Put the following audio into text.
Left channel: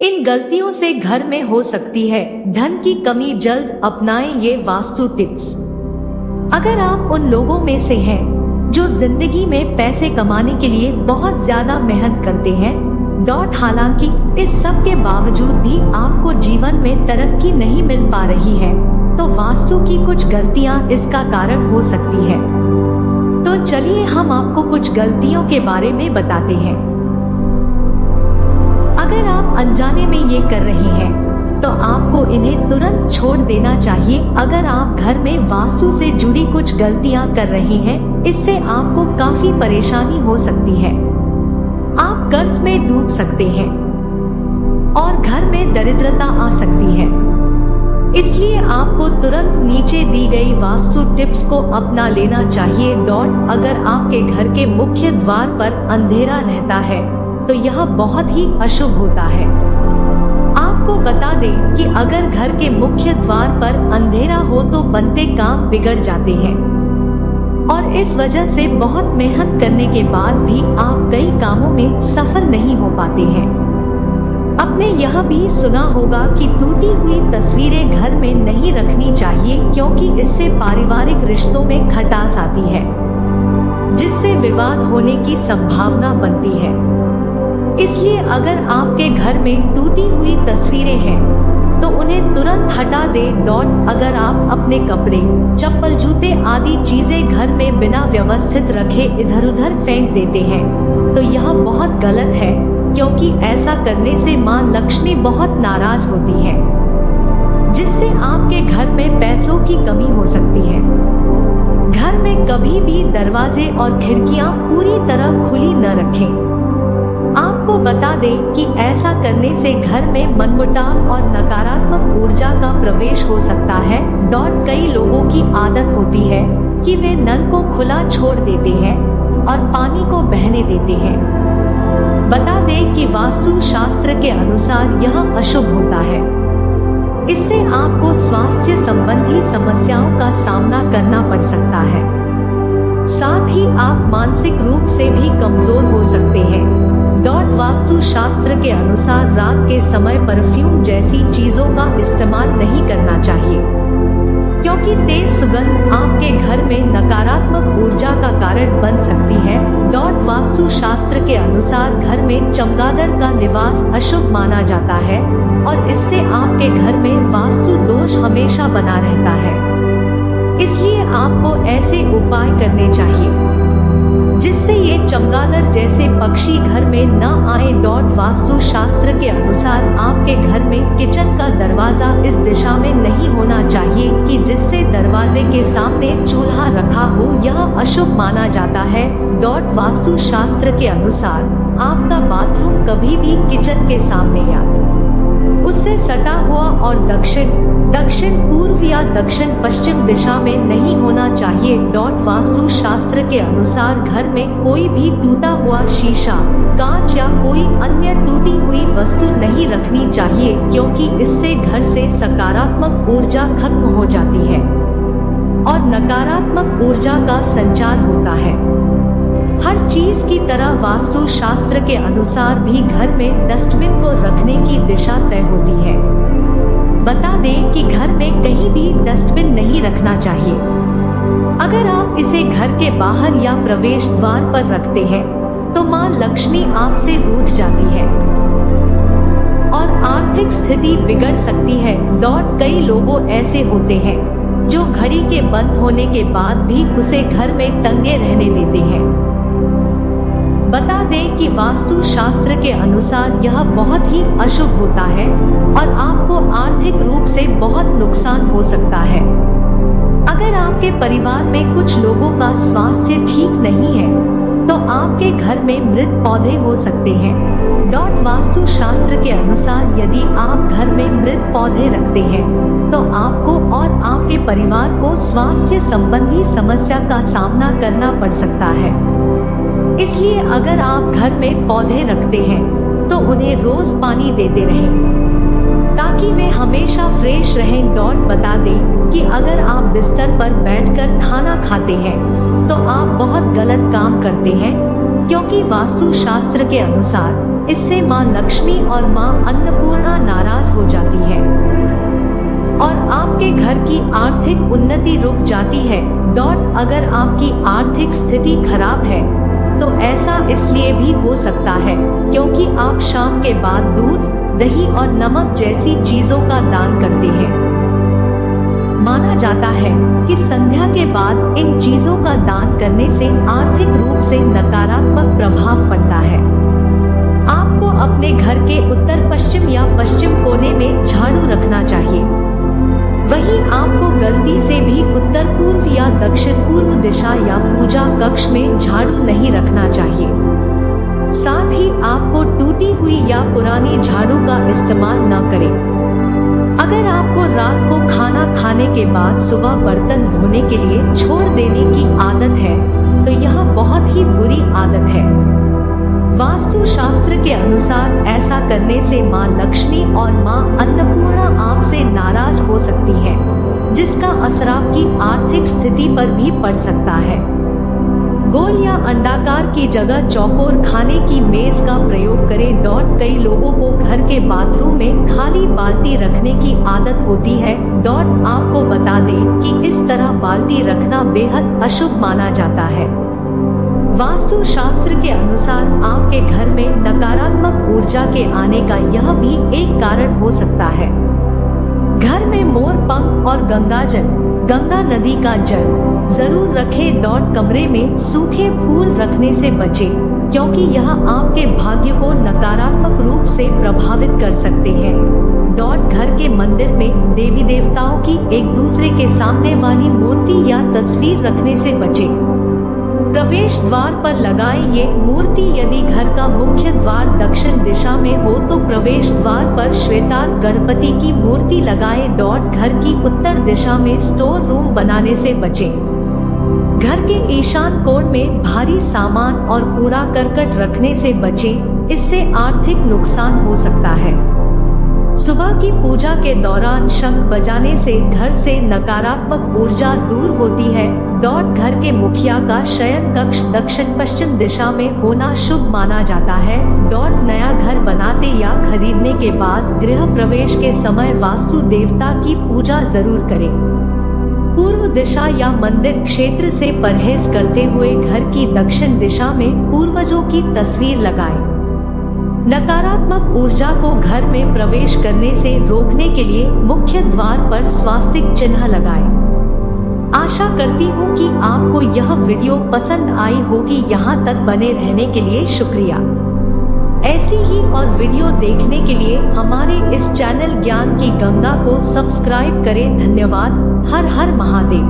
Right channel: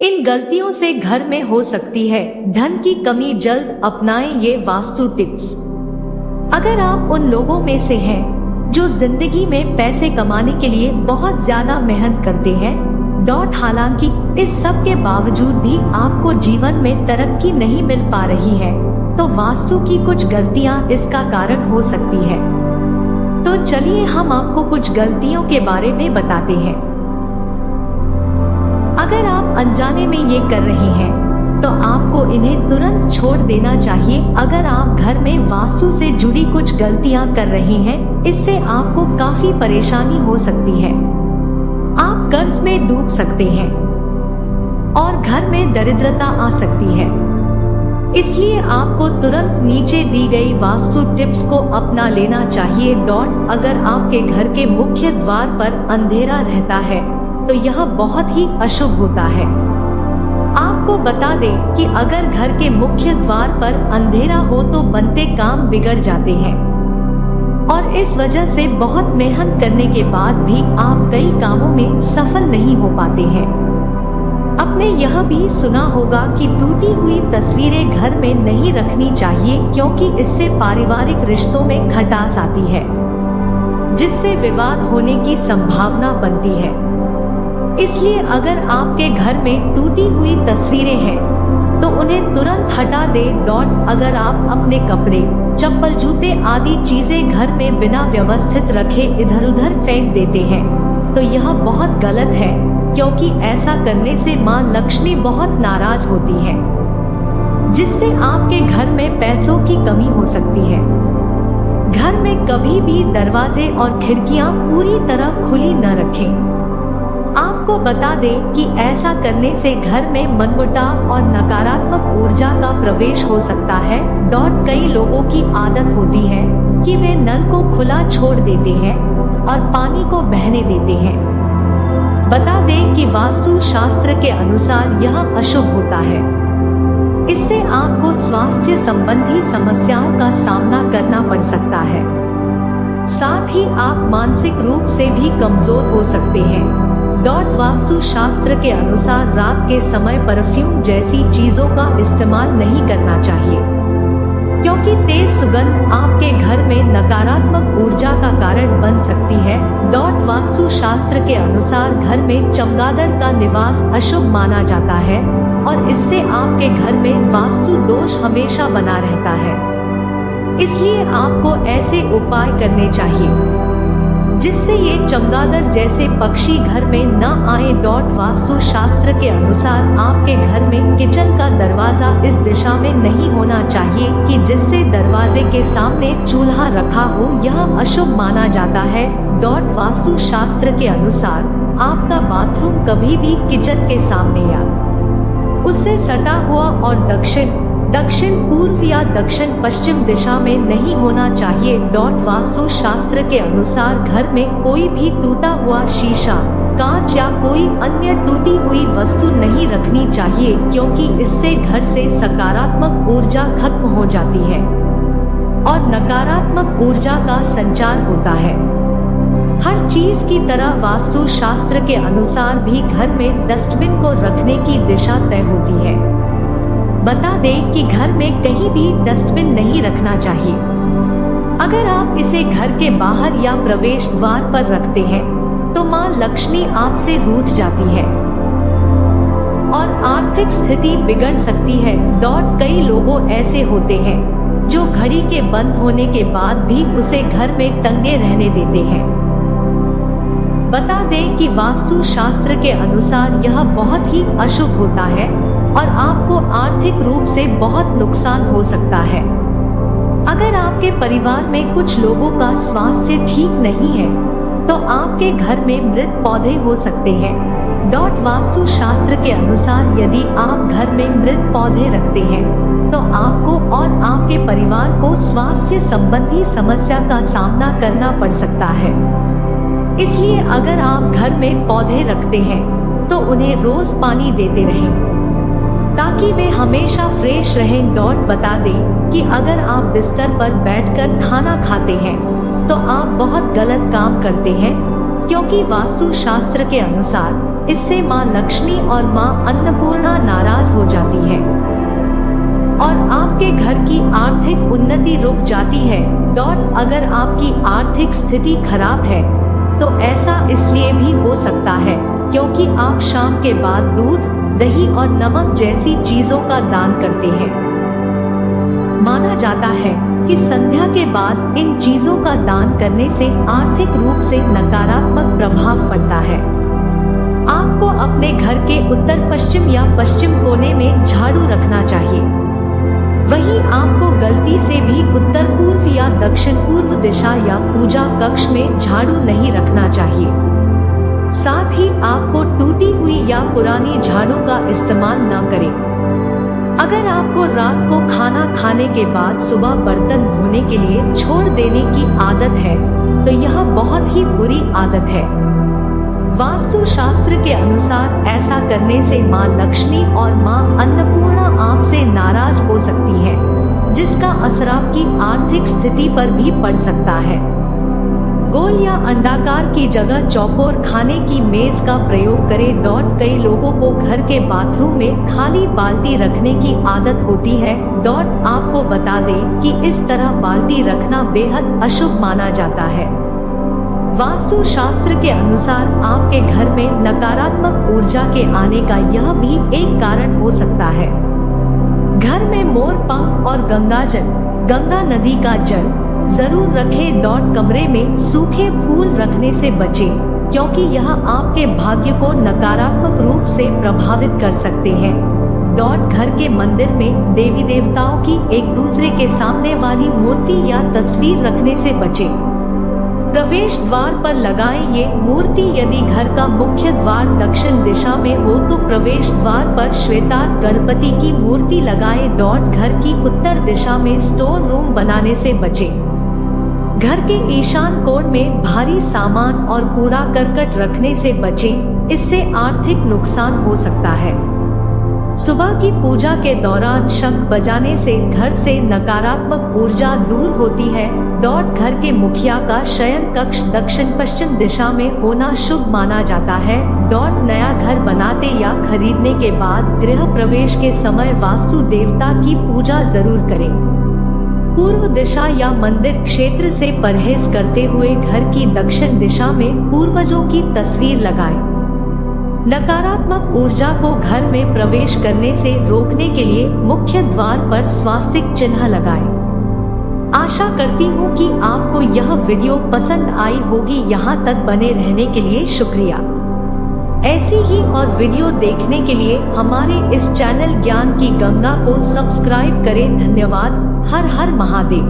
इन गलतियों से घर में हो सकती है धन की कमी। जल्द अपनाएं ये वास्तु टिप्स। अगर आप उन लोगों में से हैं जो जिंदगी में पैसे कमाने के लिए बहुत ज्यादा मेहनत करते हैं, हालांकि इस सब के बावजूद भी आपको जीवन में तरक्की नहीं मिल पा रही है, तो वास्तु की कुछ गलतियां इसका कारण हो सकती है। तो चलिए हम आपको कुछ गलतियों के बारे में बताते हैं। अगर आप अनजाने में ये कर रहे हैं तो आपको इन्हें तुरंत छोड़ देना चाहिए। अगर आप घर में वास्तु से जुड़ी कुछ गलतियां कर रहे हैं, इससे आपको काफी परेशानी हो सकती है। आप कर्ज में डूब सकते हैं और घर में दरिद्रता आ सकती है। इसलिए आपको तुरंत नीचे दी गई वास्तु टिप्स को अपना लेना चाहिए। अगर आपके घर के मुख्य द्वार पर अंधेरा रहता है तो यह बहुत ही अशुभ होता है। आपको बता दें कि अगर घर के मुख्य द्वार पर अंधेरा हो तो बनते काम बिगड़ जाते हैं और इस वजह से बहुत मेहनत करने के बाद भी आप कई कामों में सफल नहीं हो पाते हैं। आपने यह भी सुना होगा कि टूटी हुई तस्वीरें घर में नहीं रखनी चाहिए, क्योंकि इससे पारिवारिक रिश्तों में खटास आती है, जिससे विवाद होने की संभावना बनती है। इसलिए अगर आपके घर में टूटी हुई तस्वीरें हैं तो उन्हें तुरंत हटा दें। अगर आप अपने कपड़े, चप्पल, जूते आदि चीजें घर में बिना व्यवस्थित रखे इधर उधर फेंक देते हैं तो यह बहुत गलत है, क्योंकि ऐसा करने से मां लक्ष्मी बहुत नाराज होती है, जिससे आपके घर में पैसों की कमी हो सकती है। घर में कभी भी दरवाजे और खिड़कियां पूरी तरह खुली न रखें। आपको बता दें कि ऐसा करने से घर में मनमुटाव और नकारात्मक ऊर्जा का प्रवेश हो सकता है। कई लोगों की आदत होती है कि वे नल को खुला छोड़ देते हैं और पानी को बहने देते हैं। बता दें कि वास्तु शास्त्र के अनुसार यह अशुभ होता है। इससे आपको स्वास्थ्य संबंधी समस्याओं का सामना करना पड़ सकता है। साथ ही आप मानसिक रूप से भी कमजोर हो सकते हैं। वास्तु शास्त्र के अनुसार रात के समय परफ्यूम जैसी चीजों का इस्तेमाल नहीं करना चाहिए, क्योंकि तेज सुगंध आपके घर में नकारात्मक ऊर्जा का कारण बन सकती है। वास्तु शास्त्र के अनुसार घर में चमगादड़ का निवास अशुभ माना जाता है और इससे आपके घर में वास्तु दोष हमेशा बना रहता है। इसलिए आपको ऐसे उपाय करने चाहिए जिससे ये चमगादड़ जैसे पक्षी घर में न आए। वास्तु शास्त्र के अनुसार आपके घर में किचन का दरवाजा इस दिशा में नहीं होना चाहिए कि जिससे दरवाजे के सामने चूल्हा रखा हो, यह अशुभ माना जाता है। वास्तु शास्त्र के अनुसार आपका बाथरूम कभी भी किचन के सामने या उससे सटा हुआ और दक्षिण पूर्व या दक्षिण पश्चिम दिशा में नहीं होना चाहिए। वास्तु शास्त्र के अनुसार घर में कोई भी टूटा हुआ शीशा, कांच या कोई अन्य टूटी हुई वस्तु नहीं रखनी चाहिए, क्योंकि इससे घर से सकारात्मक ऊर्जा खत्म हो जाती है और नकारात्मक ऊर्जा का संचार होता है। हर चीज की तरह वास्तु शास्त्र के अनुसार भी घर में डस्टबिन को रखने की दिशा तय होती है। बता दें कि घर में कहीं भी डस्टबिन नहीं रखना चाहिए। अगर आप इसे घर के बाहर या प्रवेश द्वार पर रखते हैं तो मां लक्ष्मी आपसे रूठ जाती है और आर्थिक स्थिति बिगड़ सकती है। कई लोगों ऐसे होते हैं जो घड़ी के बंद होने के बाद भी उसे घर में टंगे रहने देते हैं। बता दें कि वास्तु शास्त्र के अनुसार यह बहुत ही अशुभ होता है और आपको आर्थिक रूप से बहुत नुकसान हो सकता है। अगर आपके परिवार में कुछ लोगों का स्वास्थ्य ठीक नहीं है तो आपके घर में मृत पौधे हो सकते हैं। वास्तु शास्त्र के अनुसार यदि आप घर में मृत पौधे रखते हैं तो आपको और आपके परिवार को स्वास्थ्य संबंधी समस्या का सामना करना पड़ सकता है। इसलिए अगर आप घर में पौधे रखते हैं तो उन्हें रोज पानी देते रहें ताकि वे हमेशा फ्रेश रहें। बता दें कि अगर आप बिस्तर पर बैठकर खाना खाते हैं तो आप बहुत गलत काम करते हैं, क्योंकि वास्तु शास्त्र के अनुसार इससे माँ लक्ष्मी और माँ अन्नपूर्णा नाराज हो जाती है और आपके घर की आर्थिक उन्नति रुक जाती है। अगर आपकी आर्थिक स्थिति खराब है तो ऐसा इसलिए भी हो सकता है क्योंकि आप शाम के बाद दूध, दही और नमक जैसी चीजों का दान करते हैं। माना जाता है कि संध्या के बाद इन चीजों का दान करने से आर्थिक रूप से नकारात्मक प्रभाव पड़ता है। आपको अपने घर के उत्तर पश्चिम या पश्चिम कोने में झाड़ू रखना चाहिए। वहीं आपको गलती से भी उत्तर पूर्व या दक्षिण पूर्व दिशा या पूजा कक्ष में झाड़ू नहीं रखना चाहिए। साथ ही आपको टूटी हुई या पुरानी झाड़ू का इस्तेमाल न करें। अगर आपको रात को खाना खाने के बाद सुबह बर्तन धोने के लिए छोड़ देने की आदत है तो यह बहुत ही बुरी आदत है। वास्तु शास्त्र के अनुसार ऐसा करने से माँ लक्ष्मी और माँ अन्नपूर्णा आपसे नाराज हो सकती है, जिसका असर आपकी आर्थिक स्थिति पर भी पड़ सकता है। गोल या अंडाकार की जगह चौकोर खाने की मेज का प्रयोग करें। कई लोगों को घर के बाथरूम में खाली बाल्टी रखने की आदत होती है। आपको बता दें कि इस तरह बाल्टी रखना बेहद अशुभ माना जाता है। वास्तु शास्त्र के अनुसार आपके घर में नकारात्मक ऊर्जा के आने का यह भी एक कारण हो सकता है। घर में मोर पंख और गंगा नदी का जल जरूर रखें। कमरे में सूखे फूल रखने से बचें क्योंकि यह आपके भाग्य को नकारात्मक रूप से प्रभावित कर सकते हैं। घर के मंदिर में देवी देवताओं की एक दूसरे के सामने वाली मूर्ति या तस्वीर रखने से बचें। प्रवेश द्वार पर लगाएं ये मूर्ति। यदि घर का मुख्य द्वार दक्षिण दिशा में हो तो प्रवेश द्वार पर श्वेतार गणपति की मूर्ति लगाएं। घर की उत्तर दिशा में स्टोर रूम बनाने से बचें। घर के ईशान कोण में भारी सामान और कूड़ा करकट रखने से बचें, इससे आर्थिक नुकसान हो सकता है। सुबह की पूजा के दौरान शंख बजाने से घर से नकारात्मक ऊर्जा दूर होती है। घर के मुखिया का शयन कक्ष दक्षिण पश्चिम दिशा में होना शुभ माना जाता है। नया घर बनाते या खरीदने के बाद गृह प्रवेश के समय वास्तु देवता की पूजा जरूर करें। पूर्व दिशा या मंदिर क्षेत्र से परहेज करते हुए घर की दक्षिण दिशा में पूर्वजों की तस्वीर लगाएं। नकारात्मक ऊर्जा को घर में प्रवेश करने से रोकने के लिए मुख्य द्वार पर स्वास्तिक चिन्ह लगाएं। आशा करती हूँ कि आपको यह वीडियो पसंद आई होगी। यहाँ तक बने रहने के लिए शुक्रिया। ऐसी ही और वीडियो देखने के लिए हमारे इस चैनल ज्ञान की गंगा को सब्सक्राइब करें। धन्यवाद। हर हर महादेव।